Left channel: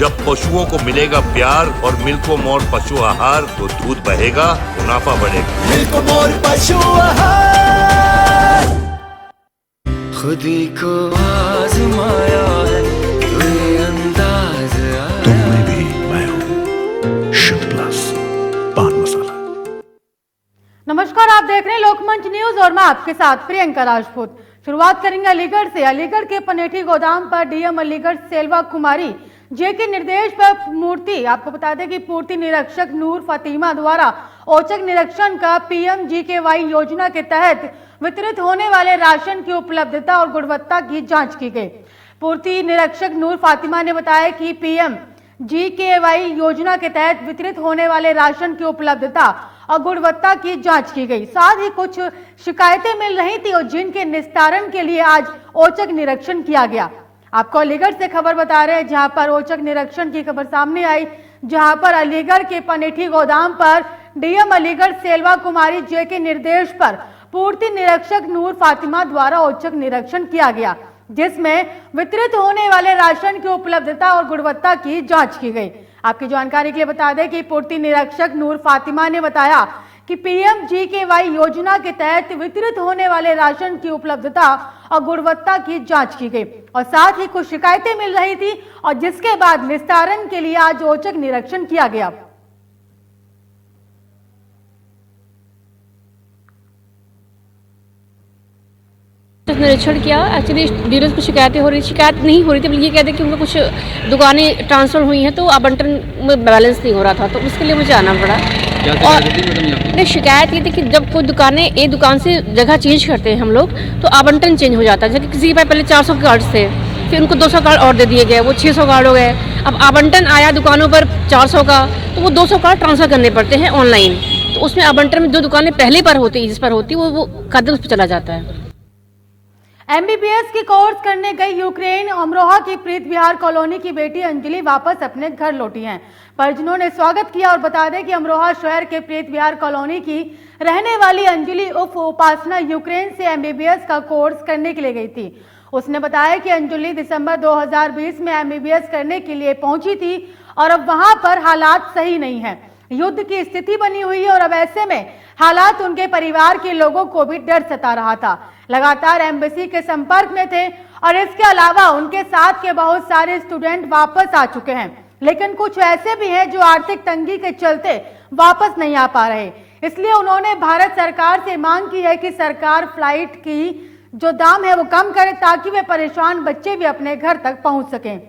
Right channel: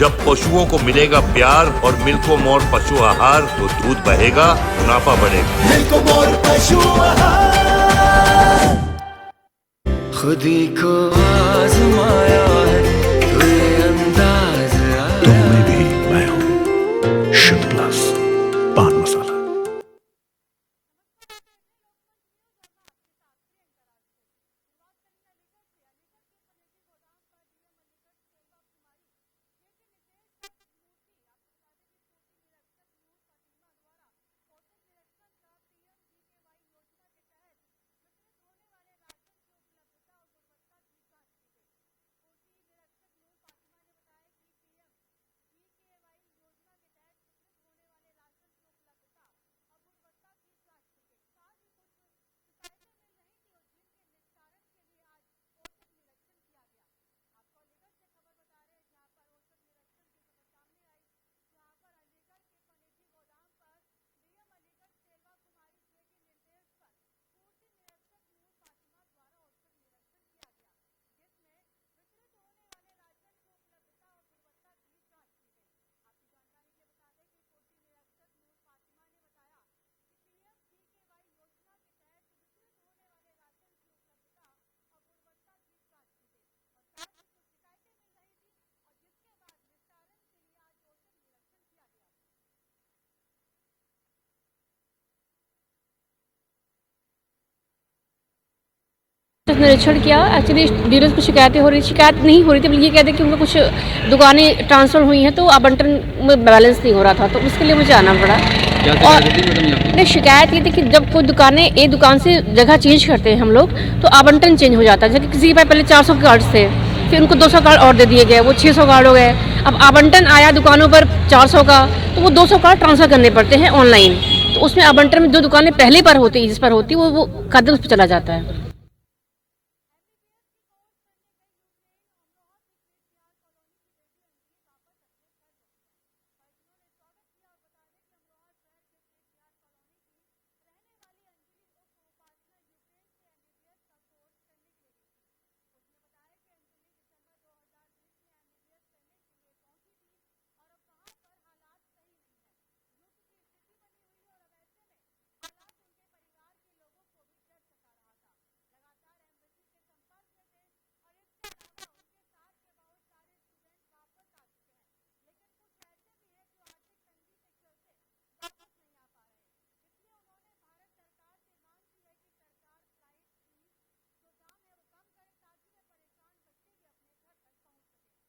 जब पशुओं को मिलेगा प्यार और मिल्को मोर पशु आहार तो दूध बहेगा, मुनाफा बढ़ेगा। मिल्को मोर पशु आहार। खुदी को आजमाया है तो ये अंदाज आया। तुम में भी मैं हूँ, शुद्ध प्लस पान मसाला। नमस्कार, आप देख रहे हैं लोकमंच न्यूज और मैं आपके साथ प्रियंका राजपूत। शुरुआत करेंगे अलीगढ़ से। अलीगढ़ के पनेठी गोदाम पर डीएम अलीगढ़ सेल्वा कुमारी जे के निर्देश पर मूर्ति, आपको बता दें कि पूर्ति निरीक्षक नूर फातिमा द्वारा औचक निरीक्षण का पीएमजीकेवाई योजना के तहत वितरित होने वाले राशन की उपलब्धता और गुणवत्ता की जांच की गई। पूर्ति निरीक्षक नूर फातिमा ने बताया कि पीएमजीकेवाई योजना के तहत वितरित होने वाले राशन की उपलब्धता और गुणवत्ता की जांच की गई। साथ ही कुछ शिकायतें मिल रही थी और जिनके निस्तारण के लिए आज औचक निरीक्षण किया गया। आपको अलीगढ़ से खबर बता रहे हैं जहां पर औचक निरीक्षण की खबर सामने आई, जहां पर अलीगढ़ के पनेठी गोदाम पर डीएम अलीगढ़ सेल्वा कुमारी जे के निर्देश पर पूर्ति निरीक्षक नूर फातिमा द्वारा औचक निरीक्षण किया गया, जिसमें वितरित होने वाले राशन की उपलब्धता और गुणवत्ता की जांच की गई। आपकी जानकारी के लिए बता दें कि पूर्ति निरीक्षक नूर फातिमा ने बताया कि पीएमजीकेवाई योजना के तहत वितरित होने वाले राशन की उपलब्धता और गुणवत्ता की जांच की गई और साथ ही कुछ शिकायतें मिल रही थी और जिसके बाद निस्तारण के लिए आज औचक निरीक्षण किया गया। निरीक्षण किया। एक्चुअली डीलर्स को शिकायतें हो रही, शिकायत नहीं हो रही थी, बल्कि ये कहते कि उनको कुछ दुकानें ट्रांसफर हुई हैं तो आवंटन में बैलेंस नहीं हो रहा था, तो उसके लिए मुझे आना पड़ा। और नहीं, शिकायत ये थी कि जब कोई दुकानें एक दुकान से जगह चेंज करते हैं हम लोग तो आवंटन चेंज हो जाता है। जैसे किसी के पास पहले 400 कार्ड थे, फिर उनको 200 कार्ड और दे दिए गए, वो 600 कार्ड हो गए। अब आवंटन आया दुकानों पर 400 का, तो वो 200 कार्ड ट्रांसफर करने पड़ते हैं ऑनलाइन, तो उसमें आवंटन में जो दुकानें पहले पर होती जिस पर होती वो कदम उस पर चला जाता है। एमबीबीएस की कोर्स करने गई यूक्रेन अमरोहा की प्रीत विहार कॉलोनी की बेटी अंजलि वापस अपने घर लौटी हैं। परिजनों ने स्वागत किया और बता दें कि अमरोहा शहर के प्रीत विहार कॉलोनी की रहने वाली अंजलि उर्फ उपासना यूक्रेन से एमबीबीएस का कोर्स करने के लिए गई थी। उसने बताया कि अंजलि दिसंबर 2020 में एमबीबीएस करने के लिए पहुंची थी और अब वहां पर हालात सही नहीं है, युद्ध की स्थिति बनी हुई है और अब ऐसे में हालात उनके परिवार के लोगों को भी डर सता रहा था। लगातार एम्बेसी के संपर्क में थे और इसके अलावा उनके साथ के बहुत सारे स्टूडेंट वापस आ चुके हैं, लेकिन कुछ ऐसे भी हैं जो आर्थिक तंगी के चलते वापस नहीं आ पा रहे। इसलिए उन्होंने भारत सरकार से मांग की है कि सरकार फ्लाइट की जो दाम है वो कम करे ताकि वे परेशान बच्चे भी अपने घर तक पहुंच सकें।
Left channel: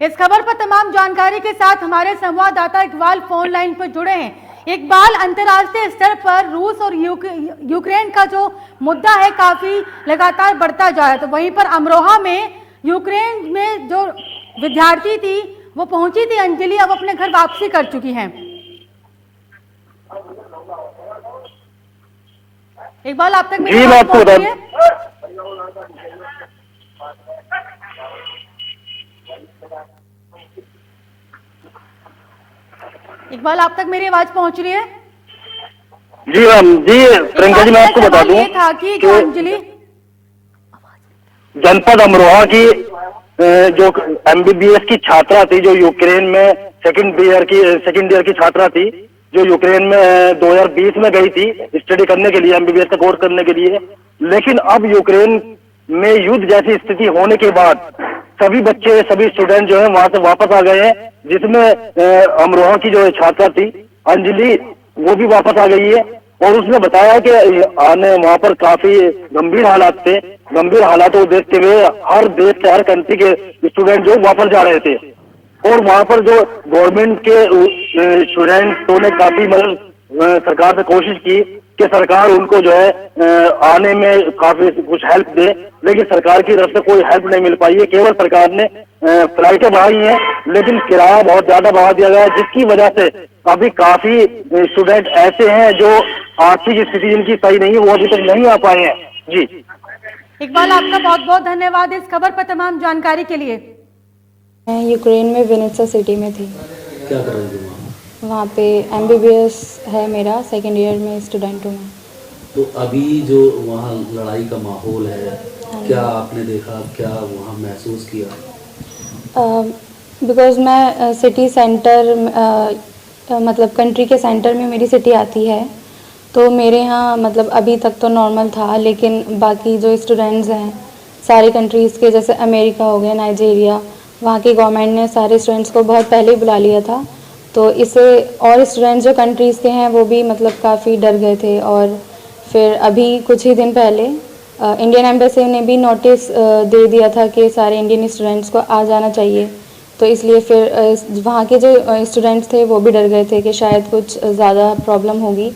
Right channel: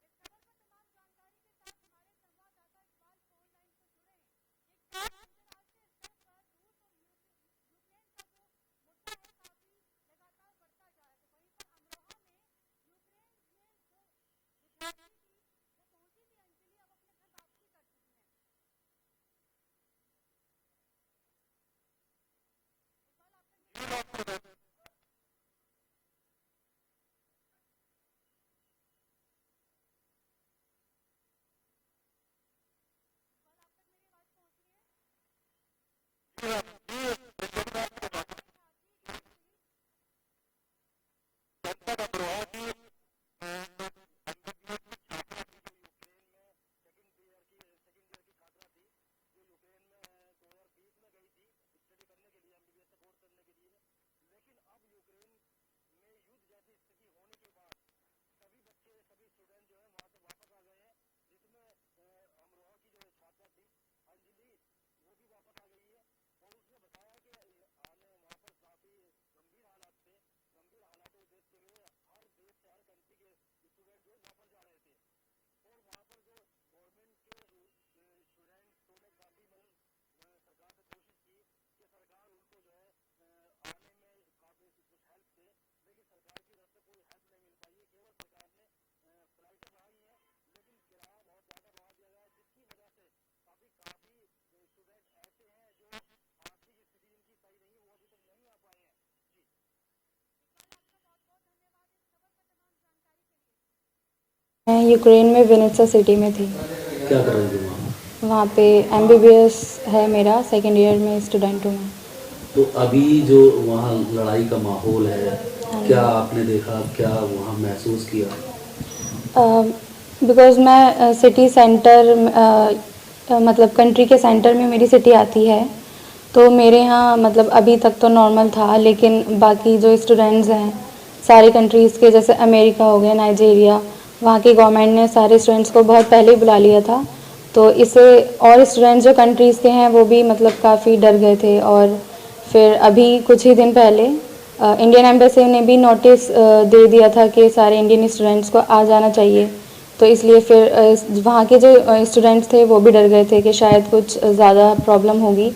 इस खबर पर तमाम जानकारी के साथ हमारे संवाददाता इकबाल फोन लाइन पर जुड़े हैं। इकबाल, अंतर्राष्ट्रीय स्तर पर रूस और यूक्रेन का जो मुद्दा है काफी लगातार बढ़ता जा रहा है, तो वहीं पर अमरोहा में यूक्रेन में जो विद्यार्थी थी वो पहुंची थी अंजलि, अब अपने घर वापसी कर चुकी हैं। इकबाल, आप तक मेरी बात पहुंच रही है? इकबाल, आप तक मेरी आवाज पहुंच रही है? जी मैम, जी प्रियंका जी, मैं आपको बता दूं कि जो अंजलि जनपद अमरोहा की जो एमबीबीएस की छात्रा थी, जो यूक्रेन में सेकंड ईयर की छात्रा थी, जो यूक्रेन में 2020 में गई थी स्टडी करने के लिए, एमबीबीएस का कोर्स करने के लिए, लेकिन अब यूक्रेन में युद्ध जैसी स्थिति होने के बाद सभी बच्चे, सभी स्टूडेंट जो है वहां से वापस आ गए हैं, जिसमें अमरोहा की जो छात्रा थी अंजलि वो भी वापस आ गई है। और उसने बताया कि आने वहां पर काफी गंभीर हालात थे, गंभीर हालातों को देखते हुए हर देश के, हर कंट्री के स्टूडेंट जो वापस जा रहे थे और वहां पर जो गवर्नमेंट के स्टूडेंट्सों ने काफी मदद सरकार से कोशिश की कि सरकार उनको जो है आने में काफी कुछ हेल्प दे, लेकिन सरकार की तरफ से कोई हेल्प नहीं मिल पाई है। केवल सरकार ने फ्लाइटें बढ़ाई हैं, लेकिन किराया बहुत ज्यादा बढ़ा दिया गया है, जिसकी वजह से अभी काफी स्टूडेंट ऐसे हैं जो आर्थिक स्थिति जिनकी सही नहीं है, वो अभी तक नहीं आ पाए हैं। जी इकबाल, आपका बहुत बहुत धन्यवाद इस खबर पर तमाम जानकारी के लिए। मैं यूक्रेन में विनित्सा सिटी में थी। क्या कर रही थी वहाँ पे एमबीबीएस है मेरा, सेकेंड ईयर में स्टूडेंट हूँ मैं। तो अभी जो वहाँ लड़ाई का माहौल है क्या आपने देखा, क्या वहाँ महसूस किया? बिकॉज़ मैं सिटी सेंटर मतलब कंट्री के सेंटर में मेरी सिटी आती है, तो मेरे यहाँ मतलब अभी तक तो नॉर्मल था, लेकिन बाकी जो स्टूडेंट्स हैं सारी कंट्रीज़ के, जैसे अमेरिका हो गया, नाइजीरिया, वहाँ की गवर्नमेंट ने सारे स्टूडेंट्स को बहुत पहले ही बुला लिया था, तो इससे और स्टूडेंट्स जो कंट्रीज़ के हैं वो भी मतलब काफ़ी डर गए थे। और फिर अभी कुछ ही दिन पहले इंडियन एम्बेसी ने भी नोटिस दे दिया था कि सारे इंडियन स्टूडेंट्स को आ जाना चाहिए, तो इसलिए फिर वहाँ के जो स्टूडेंट्स थे वो भी डर गए थे कि शायद कुछ ज़्यादा प्रॉब्लम होगी।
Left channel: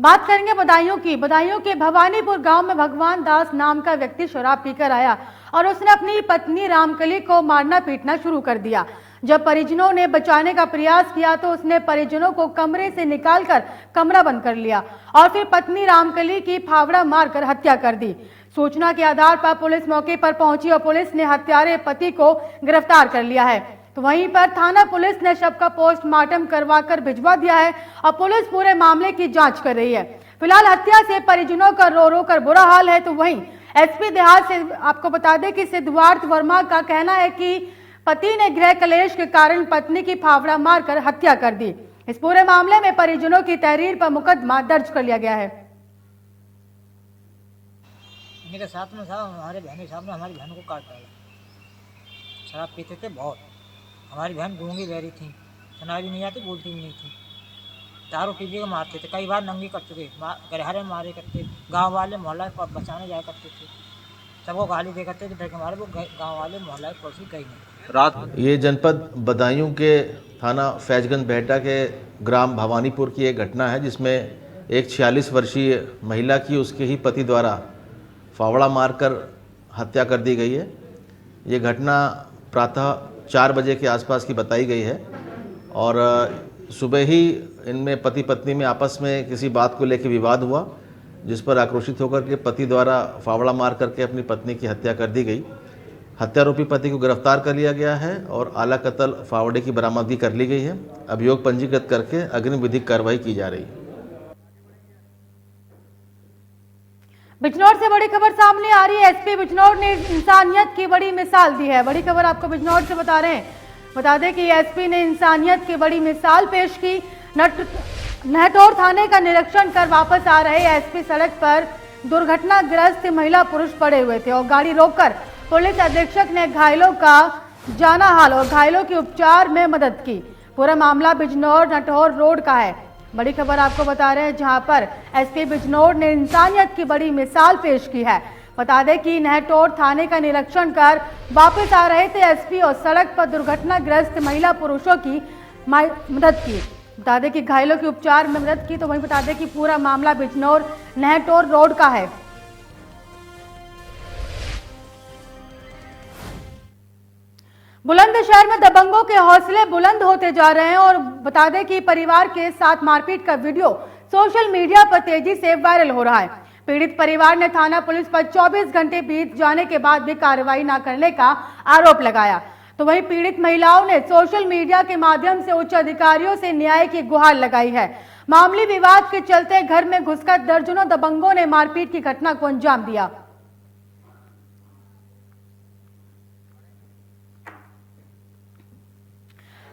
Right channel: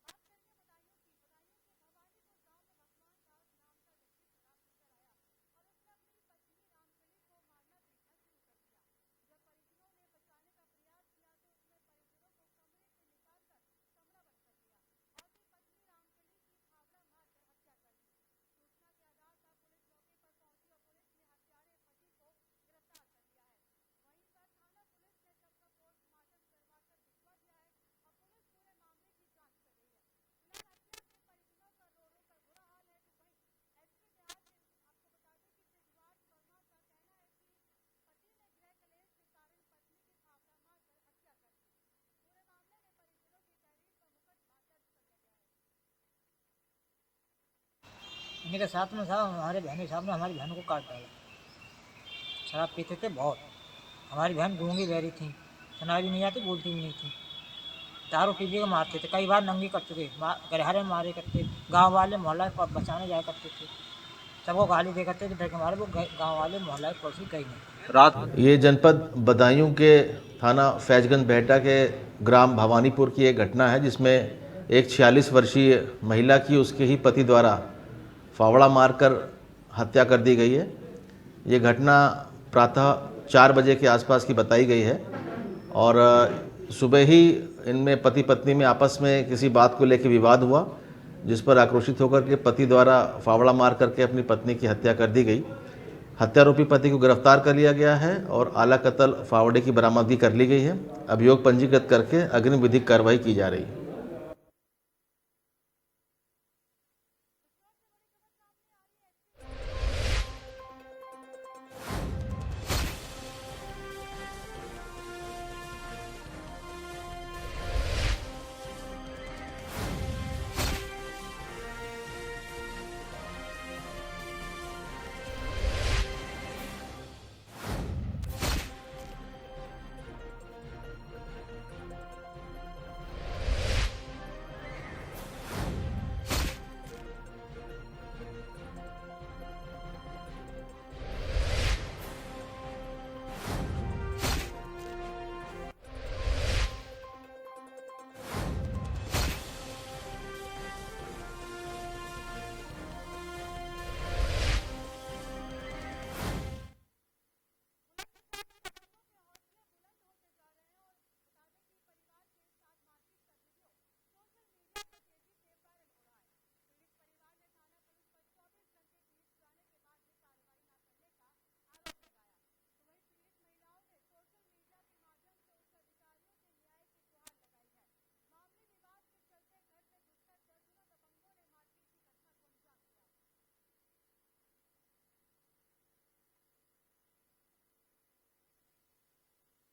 बात करेंगे बदायूं की। बदायूं के भवानीपुर गांव में भगवान दास नाम का व्यक्ति शराब पीकर आया और उसने अपनी पत्नी रामकली को मारना पीटना शुरू कर दिया। जब परिजनों ने बचाने का प्रयास किया तो उसने परिजनों को कमरे से निकालकर कमरा बंद कर लिया और फिर पत्नी रामकली की फावड़ा मारकर हत्या कर दी। सूचना के आधार पर पुलिस मौके पर पहुंची और पुलिस ने हत्यारे पति को गिरफ्तार कर लिया है। तो वहीं पर थाना पुलिस ने शव का पोस्टमार्टम करवाकर भिजवा दिया है और पुलिस पूरे मामले की जांच कर रही है। फिलहाल हत्या से परिजनों का रो रो कर बुरा हाल है। तो वहीं एसपी देहात से आपको बता दें कि सिद्धार्थ वर्मा का कहना है कि पति ने गृह कलेश के कारण पत्नी की फावड़ा मारकर हत्या कर दी। इस पूरे मामले में परिजनों की तहरीर पर मुकदमा दर्ज कर लिया गया है। मेरे साथ में साहब हमारे बहन साहब ने हमारी बहन को काट डाला। शराब पीते थे बहुत। हमारी बहन गूंगी बहरी थी, सुनाई भी नहीं आती, बोलती भी नहीं थी। दारू पी के मारते थे, कई बार नंगी कर चुके, गरहरे मारे करते। गांव वाले मोहल्ला पर बचाने जाया करते थे, सबको गाली दे करते थे डर के मारे। वो गांव वाले मोहल्ला पड़ोसी गई नहीं। रात ये जनपद बदायूं के थाना फैजगंज बेहटा के ग्राम भवानीपुर की एक घटना है, जिसमें एक 46 वर्षीय महिला की उसके ही पति द्वारा फावड़ा मारकर हत्या कर दी गई है। ये घटना प्रातः 4 बजे के आसपास की बताई गई है और सुबह ही इनमें पति पत्नी में आपस में किसी बात को लेकर विवाद हुआ, जिस पर आक्रोशित होकर के पति द्वारा फावड़ा मार करके अपनी पत्नी की हत्या कर दी गई। हत्यारोपी पति को गिरफ्तार कर लिया गया है और आला कत्ल फावड़े की बरामदगी कर ली गई है। अभियोग पंजीकृत करके अग्रिम विधिक कार्रवाई की जा रही है। बिजनौर से बड़ी खबर सामने आ रही है। एसपी बिजनौर ने इंसानियत की बड़ी मिसाल दी है। बड़ी खबर आपको बिजनौर से बता रहे हैं। बता दें कि एसपी ने इंसानियत की बड़ी मिसाल पेश की। नहटौर थाने का निरीक्षण कर वापस आ रहे एसपी सड़क पर दुर्घटनाग्रस्त महिला पुरुष पड़े हुए थे और गाड़ी रोककर पुलिस अधीक्षक ने घायलों का जाना हाल और घायलों के उपचार में मदद की। पूरा मामला बिजनौर नटौर रोड का है। बड़ी खबर आपको बता रहे हैं, जहां पर एसपी बिजनौर ने इंसानियत की बड़ी मिसाल पेश की है। बता दें कि नहटौर थाने का निरीक्षण कर वापस आ रहे थे एसपी और सड़क पर दुर्घटनाग्रस्त महिला पुरुषों की मदद की। बता दें कि घायलों के उपचार में मदद की। तो वहीं बता दें कि पूरा मामला बिजनौर नहटौर रोड का है। बुलंदशहर में दबंगों के हौसले बुलंद होते जा रहे हैं और बता दें कि परिवार के साथ मारपीट का वीडियो सोशल मीडिया पर तेजी से वायरल हो रहा है। पीड़ित परिवार ने थाना पुलिस पर 24 घंटे बीत जाने के बाद भी कार्रवाई न करने का आरोप लगाया। तो वहीं पीड़ित महिलाओं ने सोशल मीडिया के माध्यम से उच्च अधिकारियों से न्याय की गुहार लगाई है। मामूली विवाद के चलते घर में घुसकर दर्जनों दबंगों ने मारपीट की घटना को अंजाम दिया।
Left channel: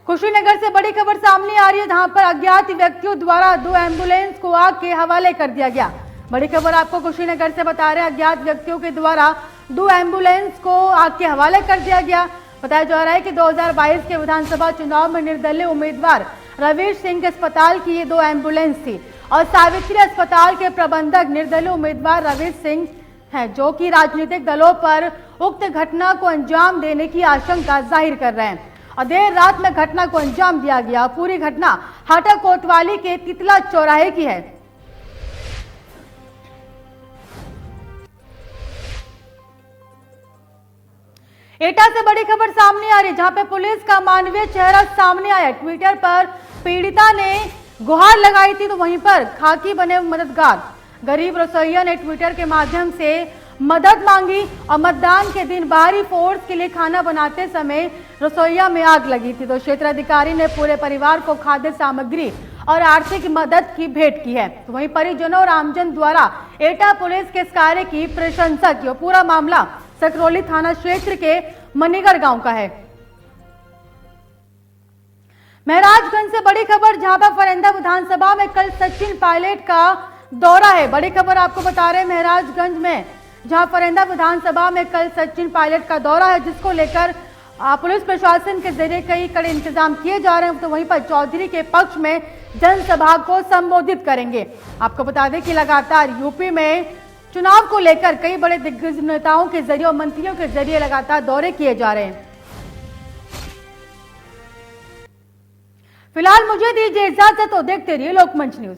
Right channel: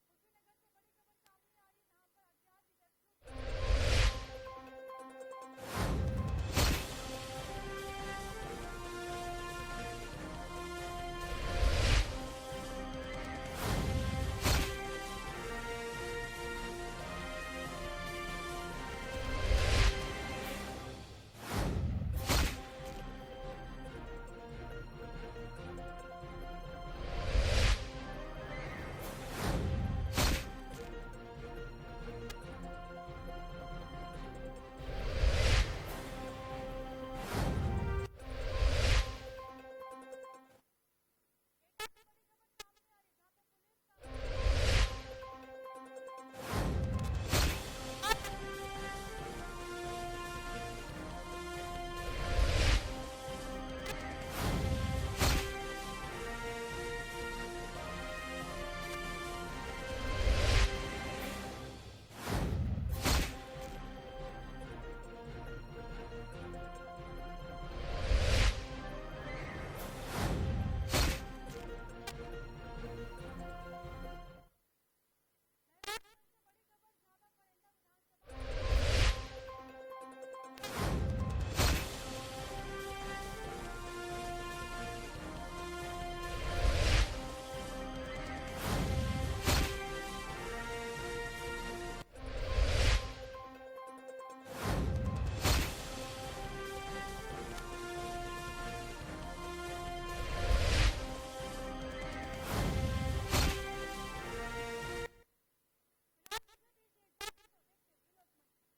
कुशीनगर से बड़ी खबर सामने आ रही है, जहां पर अज्ञात व्यक्तियों द्वारा 2 एम्बुलेंस को आग के हवाले कर दिया गया। बड़ी खबर आपको कुशीनगर से बता रहे हैं, अज्ञात व्यक्तियों के द्वारा 2 एम्बुलेंस को आग के हवाले कर दिया गया। बताया जा रहा है कि 2022 के विधानसभा चुनाव में निर्दलीय उम्मीदवार रवीर सिंह के अस्पताल की ये 2 एम्बुलेंस थी और सावित्री अस्पताल के प्रबंधक निर्दलीय उम्मीदवार रवीर सिंह हैं, जो कि राजनीतिक दलों पर उक्त घटना को अंजाम देने की आशंका जाहिर कर रहे हैं और देर रात में घटना को अंजाम दिया गया। पूरी घटना हाटा कोतवाली के तितला चौराहे की है। एटा से बड़ी खबर सामने आ रही है, जहां पे पुलिस का मानवीय चेहरा सामने आया। ट्विटर पर पीड़िता ने गुहार लगाई थी, तो वहीं पर खाकी बने मददगार गरीब रसोइया ने ट्विटर के माध्यम से मदद मांगी और मतदान के दिन बाहरी फोर्स के लिए खाना बनाते समय रसोइया में आग लगी थी। तो क्षेत्राधिकारी ने पूरे परिवार को खाद्य सामग्री और आर्थिक मदद की भेंट की है। तो वहीं परिजनों और आमजन द्वारा एटा पुलिस के इस कार्य की प्रशंसा की। और पूरा मामला सकरौली थाना क्षेत्र के मनीगढ़ गांव का है। महराजगंज से बड़ी खबर, जहां पर फरेंदा विधानसभा में कल सचिन पायलट का दौरा है। बड़ी खबर आपको बता रहे हैं महराजगंज में, जहां फरेंदा विधानसभा में कल सचिन पायलट का दौरा है, जिसको लेकर पुलिस प्रशासन के जरिए कई कड़े इंतजाम किए जा रहे हैं। तो वहीं पर चौधरी के पक्ष में जनसभा को संबोधित करेंगे। आपको बता दें कि लगातार यूपी में चुनाव को लेकर कई बड़े दिग्गज नेताओं के जरिए और मंत्रियों के जरिए लगातार दौरे किए जा रहे हैं। फिलहाल मुझे दीजिए इजाजत, तो देखते रहिए लोकमंच न्यूज।